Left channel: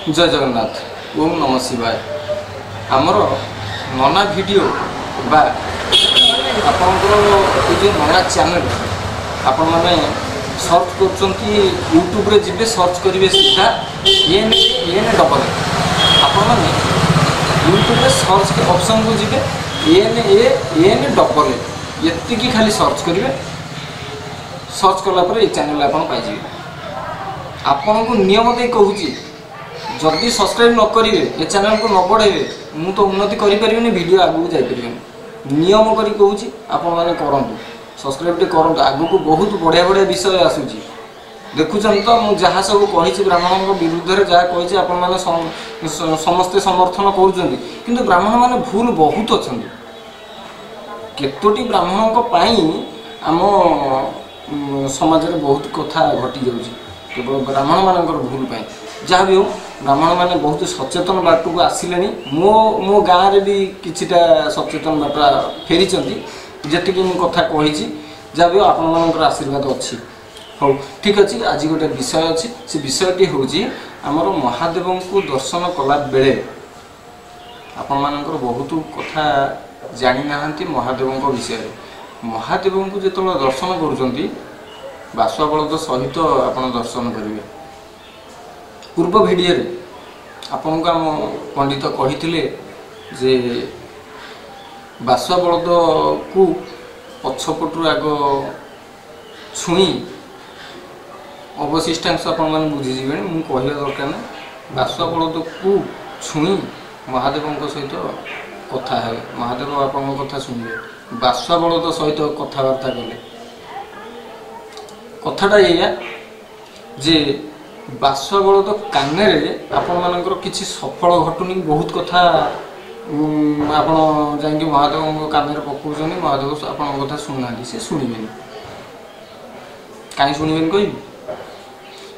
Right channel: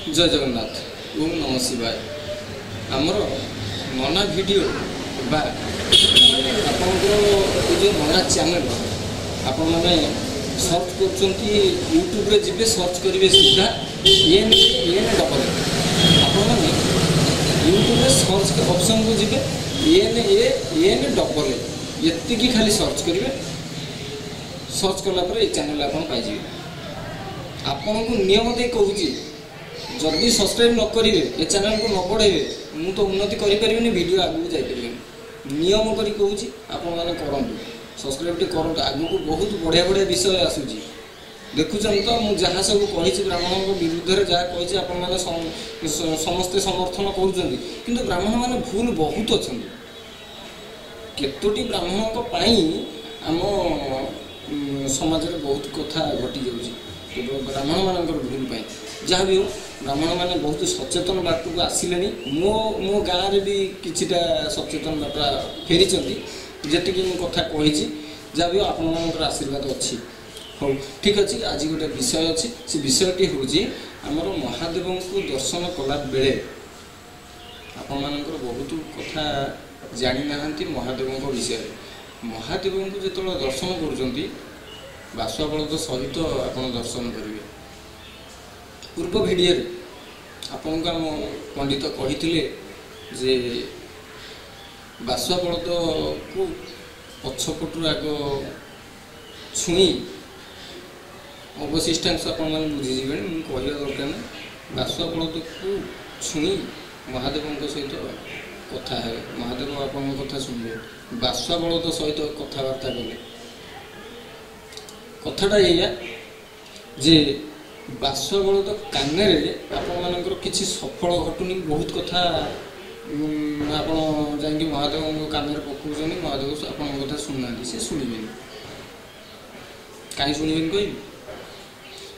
जय जगन्नाथ ओम नमः शिवाय आमर नना वीडियो बा आपणकर जो नना चैनल आपण मैंने सर्च कर यूट्यूब रे जिबे सर्च करेंगे सीधा एन डबल आपण मैंने यूट्यूब रे सर्च के ऑप्शन को जिबे एन डबल ये खाली सर्च करेंगे सर्च कलापर ये चैनल आप पाइबे आपण को नियम दे कहूँ जदि सब्सक्राइब न करेंगे ये चैनल को न बढ़ेबे मु तो उन्नति करें वीडियो आगू जापर नियम करी कहूँ आपण मैंने करूँ सब्सक्राइब करूँ आगू को बहुत बढ़िया बढ़िया विषय आसूची देखुं तो मुझे जहाँ सब कही ब्राह्मण विरुद्ध में जहाँ कही आपण मैंने समस्ते समर्थन कर ब्राह्मण मैंने भूल बहुत अच्छा केतोटी ब्राह्मण आम समाज में बहुत कथा घटी जाऊँगी केवल ब्राह्मण मानकर भूल पाई जहाँ भी हो ब्राह्मण मैंने बहुत सचेतन बाट को आसिले मो गाँव में भी किछिटा सचेतन बाट फेरी जी मु कथा कही जहाँ भी हो आपण मानकर आशीर्वाद अच्छी हो ठीक अच्छे आज गोटे विषय अच्छी से विषयटी हूँ आमर महादेव को दर्शन कला बेले आपण मानकर बहुत कथा जानी ना महादेव विषय महादेव को जो दर्शन कर बासुआ बलद सहित आप दर्शन करेंगे पूर्व वीडियो आपण को आम पंडित कही जे बासुआ बलद को पछपटू आग छुई अवशिष्टांश आपण मैंने बुझीजे मुझे कहवा दरकार ना बासुआ बलद को छुई महादेव सहित कथा है महादेव आपण कथा शुणवे बासुआ बलद सहित कथबार्ता कले कथाटा या जे बासुआ बलद कान आपण मानकर किसी सफल घटुनी बहुत कथा आपण जाकि महादेव कान पकाउछन महादेव आपण कथा शुणुना से शुणवे कहीं शुणवे कह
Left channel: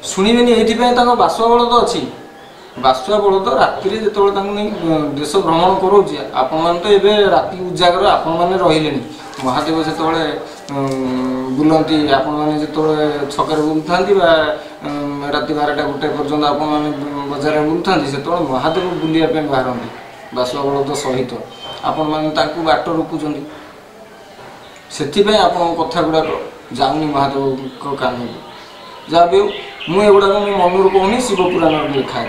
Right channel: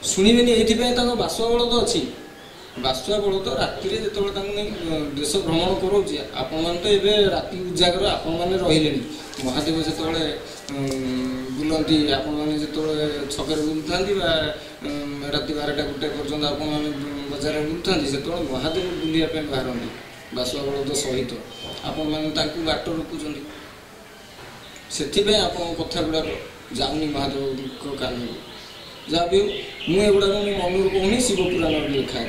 शुणवे ये बासुआ बलद अच्छी बासुआ बलद राति जो देश भ्रमण करोचे आपण मैंने तो ये राति उजागर आपण मैंने रही महादेव जो बुलती आपण मैंने जो छक बुलता राति 12टा 1 पर्यटन आपण मैंने बजार बुलता से महादेव बुलापी बाहर बासुआ बलद सहित आपण मैंने बाट रोकुं से आप कथा गुड़ाक जाऊनी महादेव कान को जहाँ भी मुझे मो मन कहूनी शिवपुराण लिखाई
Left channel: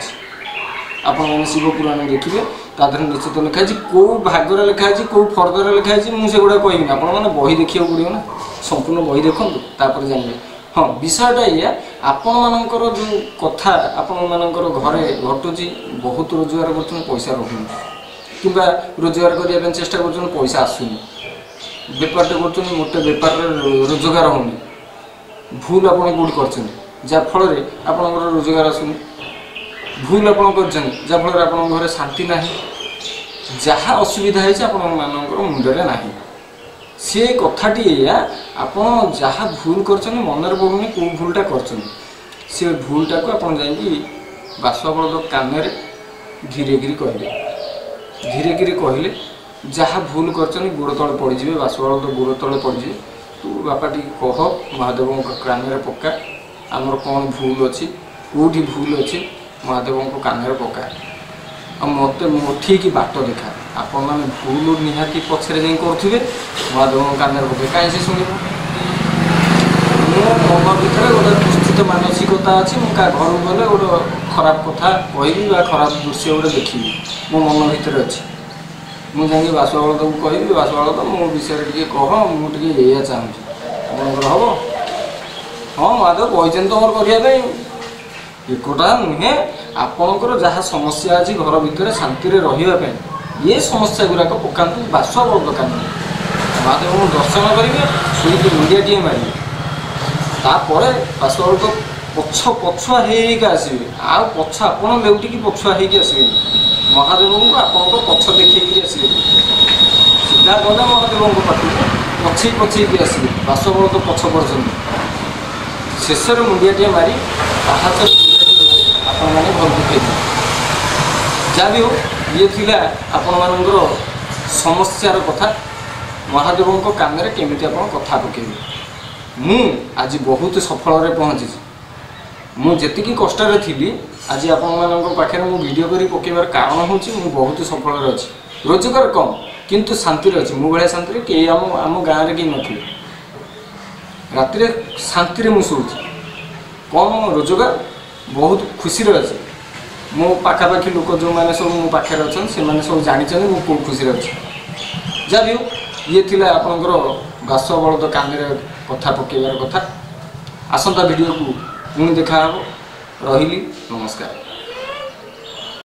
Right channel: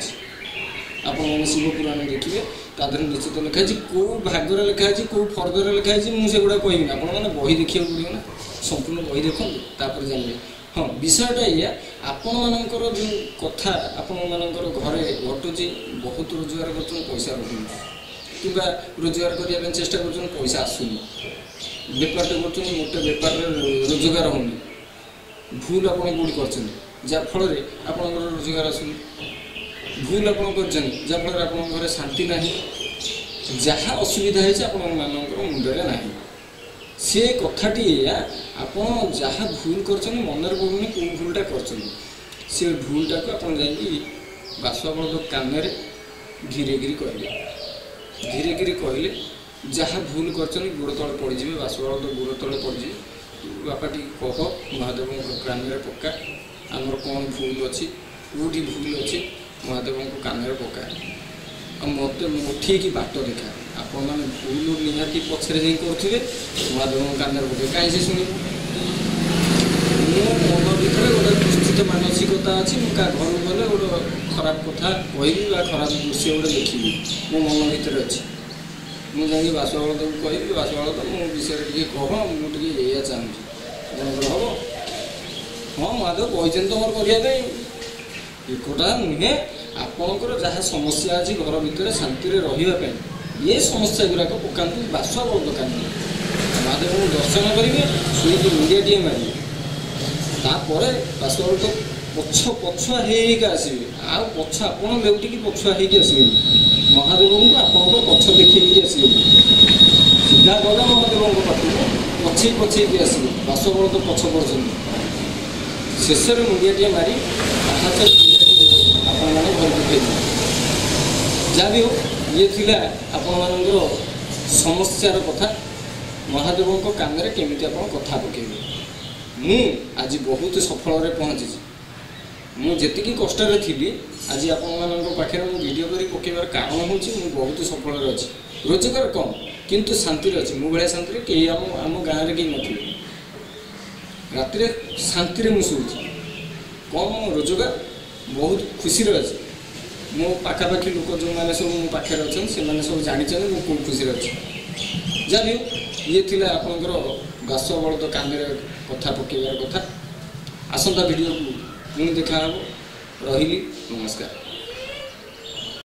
आपण मैंने शिवपुराण देखिए तादर निश्चित लिखाई कौ भागर लिखाई कौ फर्दर लिखाई मुझे गुड़ा कहबी आप बही देखा पड़ो ना संपूर्ण बही देखूँ तापर जानवे हाँ विषयटा या आपण मानकर जो कथा आपण मानकर घरे घटुची बहुत रोजगार कर पैसा रोनी कि रोजगार करने चेष्टा कर पैसा आसुनी बेपारटे कर मोटे बेपार रोजगार होनी भूल आप कौटी कर रोजगार आसुनी भूल आप जहाँफल आप घर शांति ना जहाँ असुविधा है मुंडे ना सी कथाटी या आप जहाँ भूल कर मन पड़ूनी कौ भूलटा कर भूलटा को आप बासुआ बलद कान धीरे गिरी कहले जहाँ भूल कर गोड़ तले पड़े बासुआ बलद गोड़ तले पड़े तू बापा टी कह महादेव कान पक्का आमर कौन भूल अच्छी कौटी भूल अच्छी महादेव को कान पका मत ठीक बाट देखा आपण मैंने भूल निहाती पछरे जाई करुवे महादेव कान पके कहीं से शुण मो मन भर गोटे दुस्थित मानसिकता अच्छी मुझे घर गले गोटे खराब कथा कहबी खराब दृश्य गोटे देखी मो मन भर अच्छी मुझे बासुआ बलद को कहबी बासुआ बलद मो विषय टे कह मुझे या चाहूँगी आपंकर हम हाँ महादेव कही तो मोर करने एकटा नुहे आपणकर जहाँ समस्या अच्छी घर भितर शांति रही ये समस्या गुराक पकातु बासुआ बलद कान महादेव को दर्शन करेंगे शुणी मुंडिया टे मारे तापर बासुआ बलद पछुआ आसवे आ पछ आप लेउटिकी पछुआ आसवे महादेव को आप पछ देखी आसवे सीधा गले महादेव पाखु पछे पछे आसवे बासुआ बलद पछ पड़े शेष मुंडिया टे मारी पाहाच आपण मैंने भल दुखे जहाँ भी हो ये थिला आपण मानकर समस्यार कथा महादेव कान केमी आप कथा पकेबे मु आज बहुत सफल पहुँची मुझे कष्ट थी आज आपण पाखे मु वीडियो करी पकेबार कारण हूँ बहुत सफल अच्छी रोजगार कम किंतु शांति अच्छी मो भाया शांति कई आम गाँव में कहीं नथिले राति शांति मुझे कम रोजगार बहुत खुशी अच्छे मो पाखापाखि लोक जो मैंने सब मो पाखे अच्छा से सब जानते मु कौ खुशी अच्छी जहाँ भी ये थिला आपणकर बासुआ बलद कांदे कथा पकेबार कथा आसंता वीडियो को पुणी देखा रही नमस्कार।